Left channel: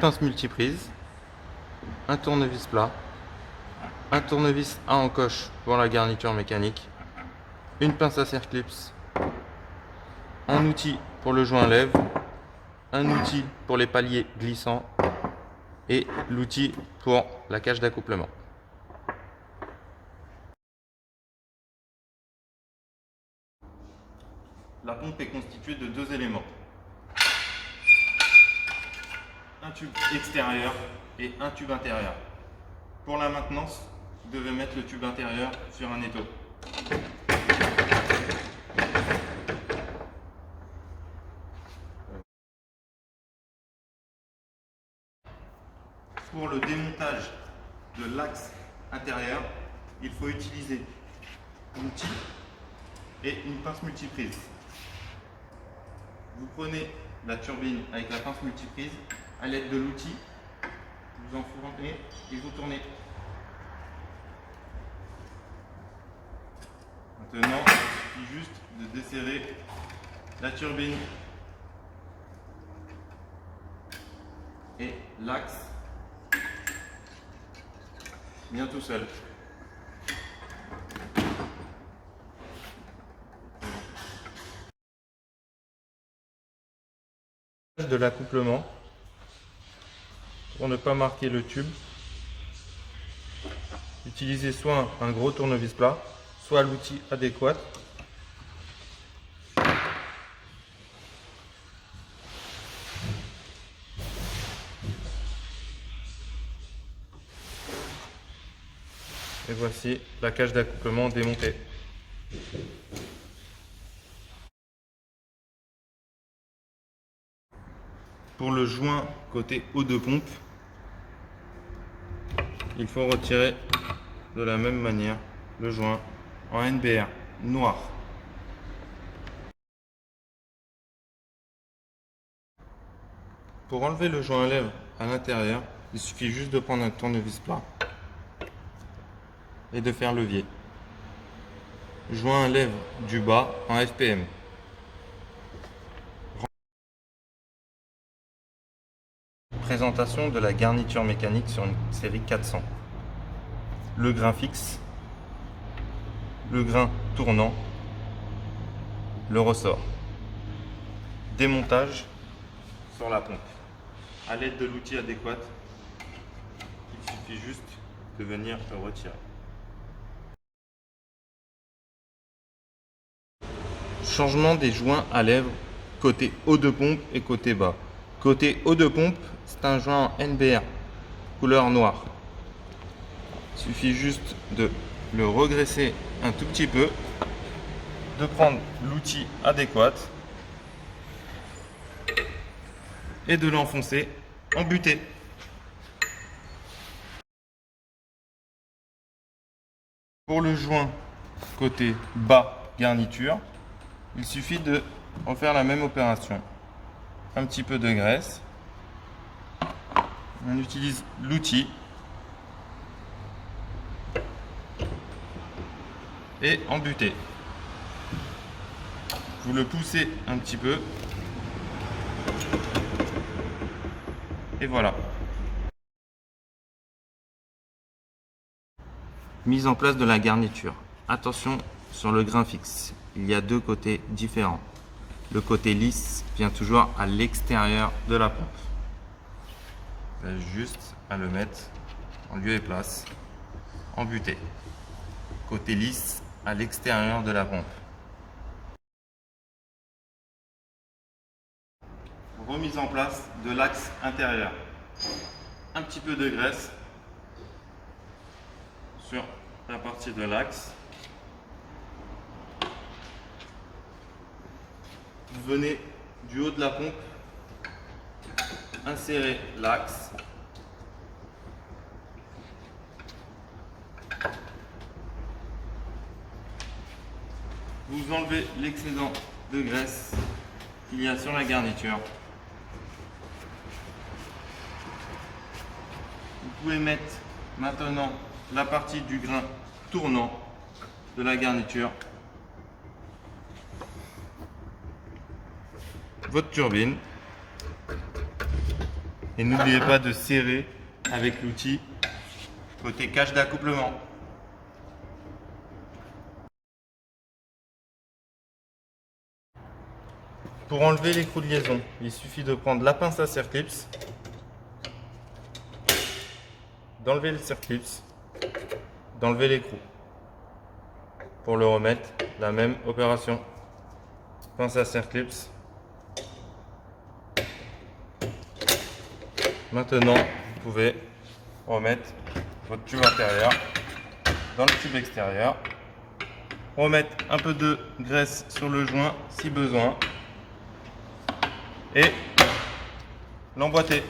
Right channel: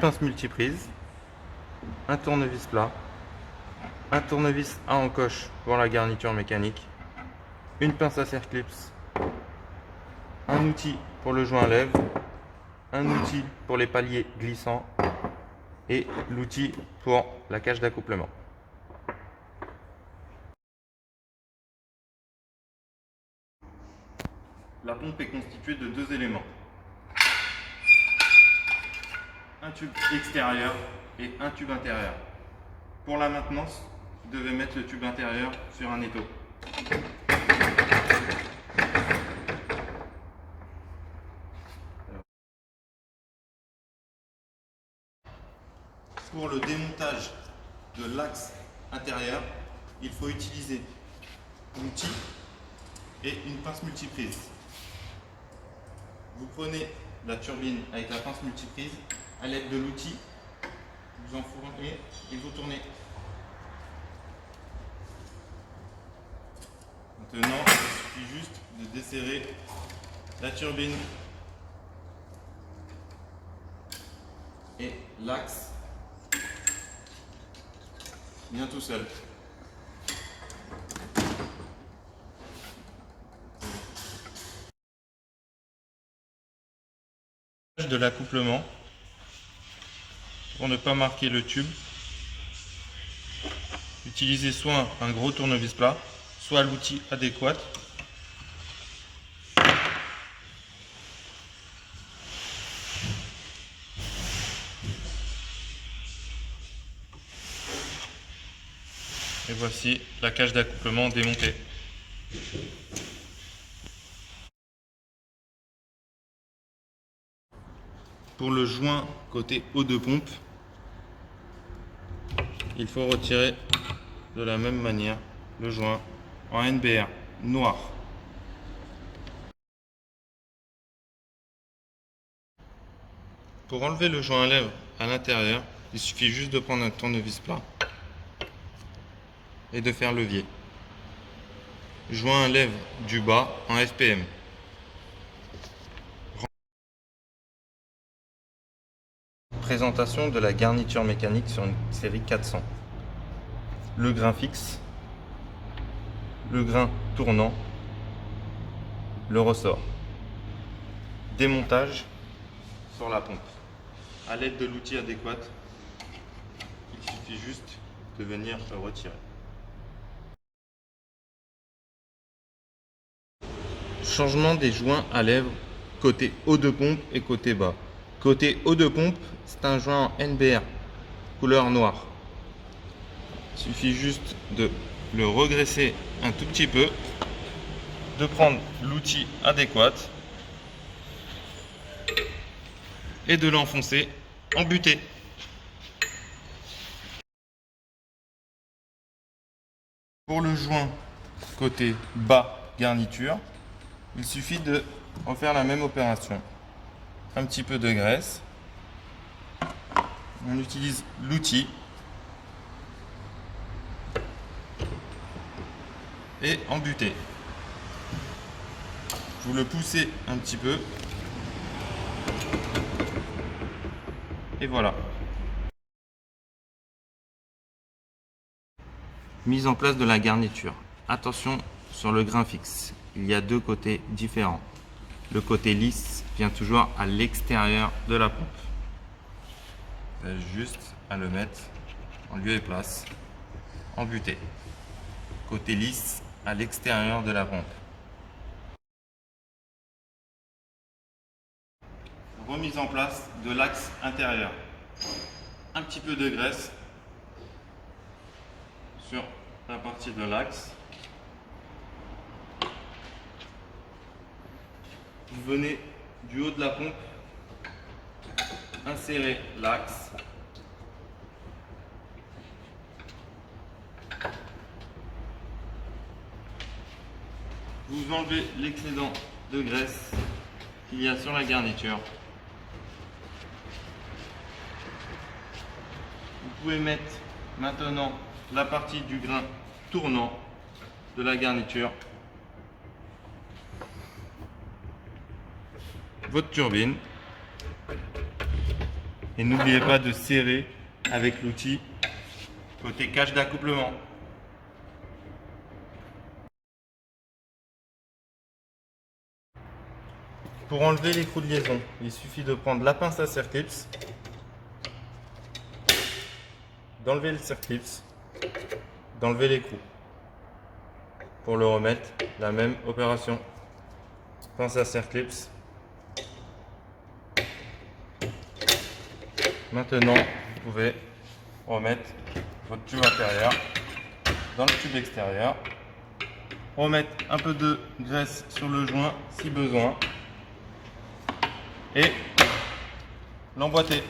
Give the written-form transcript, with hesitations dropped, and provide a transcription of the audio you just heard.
pince multiprise, un tournevis plat, un tournevis à encoche pour la garniture mécanique, une pince à circlips, un outil pour le joint à lèvres, un outil pour les paliers glissants et l'outil pour la cage d'accouplement. La pompe est constituée de deux éléments. Un tube extérieur et un tube intérieur. Pour la maintenance, vous devez mettre le tube intérieur sur un étau. Pour le démontage de l'axe intérieur, il faut utiliser l'outil et une pince multiprise. Vous prenez la turbine avec la pince multiprise, à l'aide de l'outil, vous enfournez et vous tournez. Maintenant, il suffit juste de desserrer la turbine et l'axe vient tout seul. De l'accouplement, pour ne pas marquer le tube, utilisez soit un gros tournevis plat, soit l'outil adéquat. Et voici la cage d'accouplement démontée. Pour le joint côté eau de pompe, il faut retirer de la même manière le joint en NBR noir. Pour enlever le joint à lèvres à l'intérieur, il suffit juste de prendre un tournevis plat et de faire levier. Joint à lèvres du bas en FPM. Présentation de la garniture mécanique sur une série 400. Le grain fixe, le grain tournant, le ressort. Démontage sur la pompe. À l'aide de l'outil adéquat, il suffit juste de venir le retirer. Changement des joints à lèvres côté haut de pompe et côté bas. Côté haut de pompe, c'est un joint en NBR, couleur noire. Il suffit juste de le regresser un tout petit peu, de prendre l'outil adéquat et de l'enfoncer en butée. Pour le joint côté bas garniture, il suffit de refaire la même opération. Un petit peu de graisse. On utilise l'outil et embuter. Vous le poussez un petit peu et voilà. Mise en place de la garniture. Attention sur le grain fixe. Il y a deux côtés différents. Le côté lisse vient toujours à l'extérieur de la pompe. Juste à le mettre en lieu et place, embuté. Côté lisse à l'extérieur de la pompe. Remise en place de l'axe intérieur. Un petit peu de graisse sur la partie de l'axe. Vous venez du haut de la pompe, insérer l'axe. Vous enlevez l'excédent de graisse qu'il y a sur la garniture. Vous pouvez mettre maintenant la partie du grain tournant de la garniture, votre turbine Et n'oubliez pas de serrer avec l'outil côté cache d'accouplement. Pour enlever l'écrou de liaison, il suffit de prendre la pince à circlips, d'enlever le circlips, d'enlever l'écrou. Pour le remettre, la même opération. Pince à circlips. Maintenant, vous pouvez remettre votre tube intérieur dans le tube extérieur. Remettre un peu de graisse sur le joint si besoin. Et l'emboîter.